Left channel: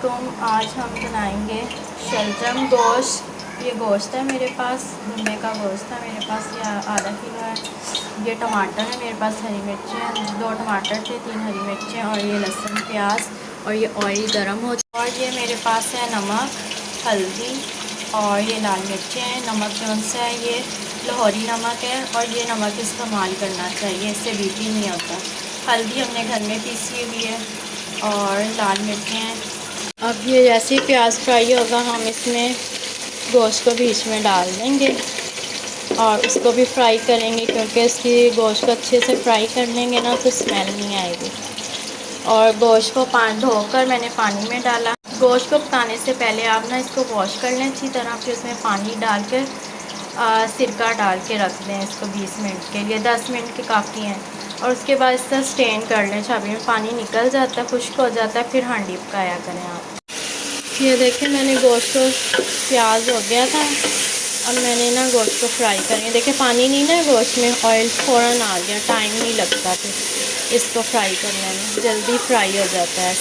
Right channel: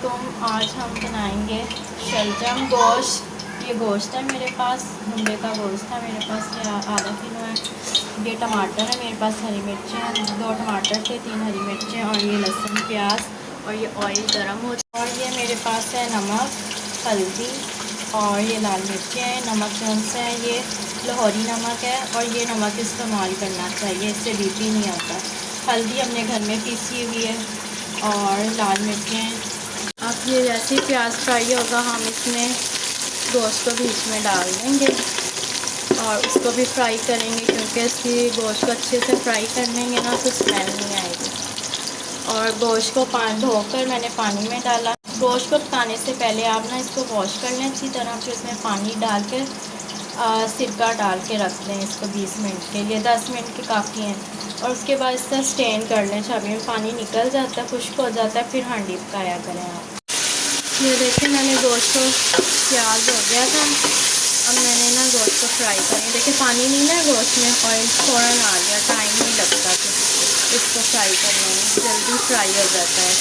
अस्सलामुअलैकुम। आज हम बनाएंगे शलजम गोश्त। ये गोश्त है मेरे पास, भुंडे का गोश्त है मेरे पास, ये आधा किलो है। ये टमाटर है मेरे पास, हरी मिर्चें हैं, 2 टमाटर थे, 3 हरी मिर्चें और ये लहसुन प्याज और ये ऑयल गर्म हो। और ये मेरे पास है नमक, हल्दी और ये लाल मिर्चें हैं। नमक कौन सा है? ये लाहौरी नमक है और ये नमक इस्तेमाल करना चाहिए, इससे बीपी नहीं होता। हल्दी हमने घर में पीसी हुई है और लाल मिर्चें। अब ये जैसे ही प्याज फ्राई होगा हम इसमें गोश्त को भी इसमें डाल देंगे और उसको भी फ्राई करेंगे, क्योंकि इसकी गोश्त को अच्छे से फ्राई कर लेंगे ना तो स्मेल नहीं आएगी। और गोश्त को धोकर मैंने पानी में डाला। गोश्त को पकाने से पहले आप ना इसको वॉश कर लें अच्छी तरह, फिर उसमें पानी डाल कर सिरका डाल के रख दें इसको 20 मिनट के लिए। 10 मिनट के काफ़ी हैं। और उसके बाद इसका स्टेन कर लें, चाबी में पानी निकल जाता है, खुश्क हो जाता है, फिर हांडी पकाया करें आप। ये देखिए मैंने गोश्त को, प्याज हो गया था, अब मैंने ना गोश्त को फ्राई करें। देखिए पानी नहीं ना गोश्त में, ऑयल फ़ौरन आ गया, टाइम नहीं लगता फिर इसको फ्राई करने में, जल्दी फ्राई हो जाता है।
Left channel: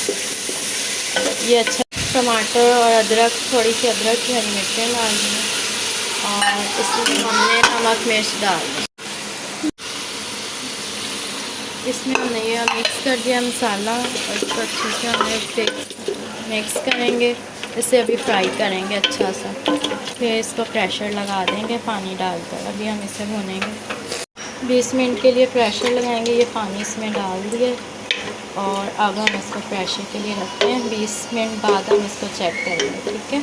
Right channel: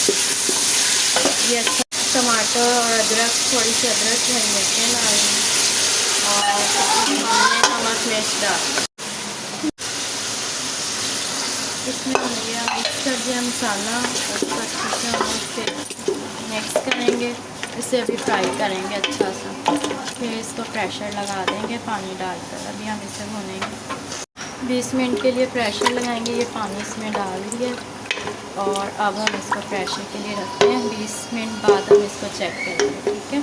ये अच्छा टमाटर और अदरक, थोड़ी सी अदरक की हरी मिर्चें डालनी है और इसमें हमने नमक मिर्च डाल, इसमें हमने ये मिक्स कर दिया मसाला और इसको अच्छे से हमें मिक्स करेंगे। इसे अभी फ्राई करेंगे अच्छा सा, फिर इसको प्रेशर लगा देंगे पानी डालकर। अभी हम इसे भूनेंगे 20 मिनट के लिए, प्रेशर लगाएंगे। ये पानी इसमें डाल दिए और अब हम इसको प्रेशर के लिए रखते हैं। 20 मिनट बाद हम इसको चेक करेंगे, ठीक है।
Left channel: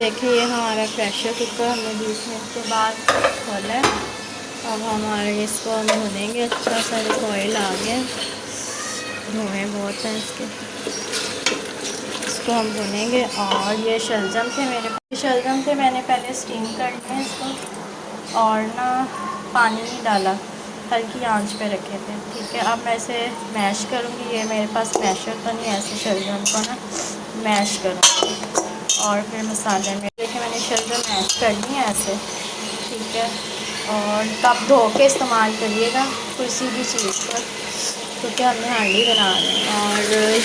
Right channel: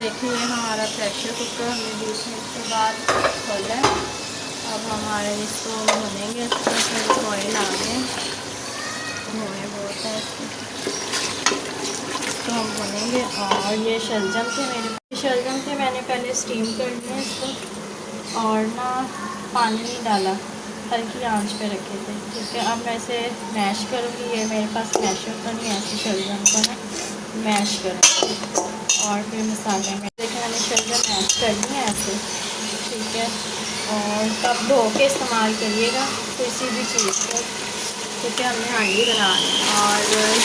देखिए ये हमारा प्रेशर कुकर हमने 20 मिनट के बाद खोला है। अब हमारे इसको हम भूनेंगे अच्छा सा। ऑयल आ गया, धुएँ बहुत हैं इसको हम भूनेंगे। और ये शलजम थे मेरे पास, शलजम थे मैंने पहले स्टीम कर लिया इसको और ना पानी नहीं डाला, हल्की आंच पे रखे थे, ठीक है। अब मैं इसे मैश करूँगी। ये मेरे पास मैशर तो नहीं है, ऐसे शलजम को ना मैश करूँगी और फिर मसाले में। देखिए मैंने शलजम मैश कर ली है ऐसे, ठीक है। और तब धो के इस्तेमाल करिएगा किसी भी चीज़ पर, क्योंकि हमने हांडी बनानी है। और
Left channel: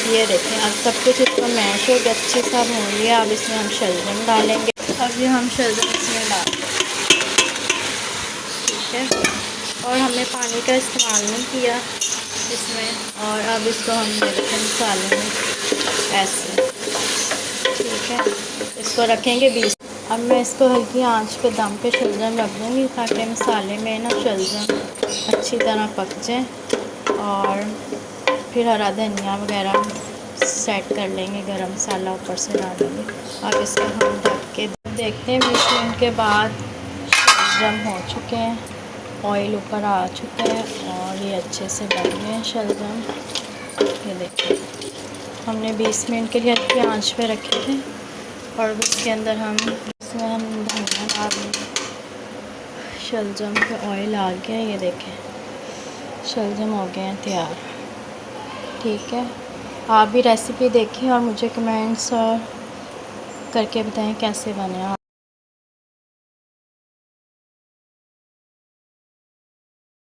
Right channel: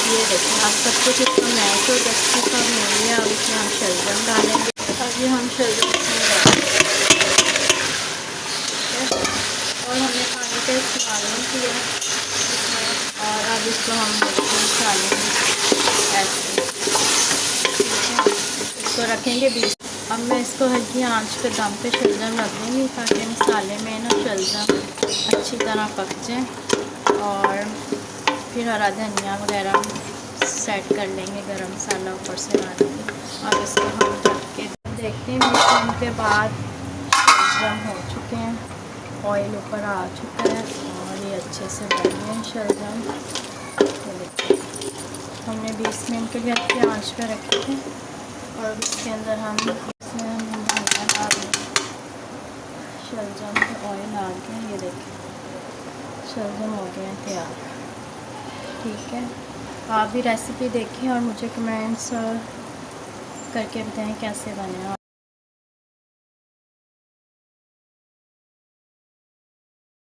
ये देखें अब सब कुछ इसका मैश हो गया, अच्छे से हो गया। अब इसमें हम शलजम डालेंगे। अब ये हम शलजम इसमें डालेंगे, ठीक है। और हमने पानी का इस्तेमाल नहीं किया इसमें। और अब इसको हम डालेंगे ऐसे, ठीक है। इसको रखेंगे 20। अब मैं इसको हल्की आंच पे दम पे शलजम रख दूँगी, ताकि मसाले में ना शलजम अच्छी तरह पक जाए। और फिर हरा धनिया वगैरह सेट कर लेंगे, गरम मसाला ऊपर से डालेंगे। अब इसको हम ढक के देखते हैं 20 मिनट के बाद शलजम हो चुके हैं, ऑयल ऊपर आ चुका है और ये अच्छे से बन गए हैं शलजम। ये देखिए हमने 20 मिनट के लिए हल्की आंच पे रखे थे और उसके अंदर हम धनिया डाल देंगे। शलजम पे ऑयल आ गया, ये देखें शलजम हो गए हैं तैयार, ठीक है। आप भी रेसिपी देखें और मुझे कमेंट्स करके बताएं कैसे बने।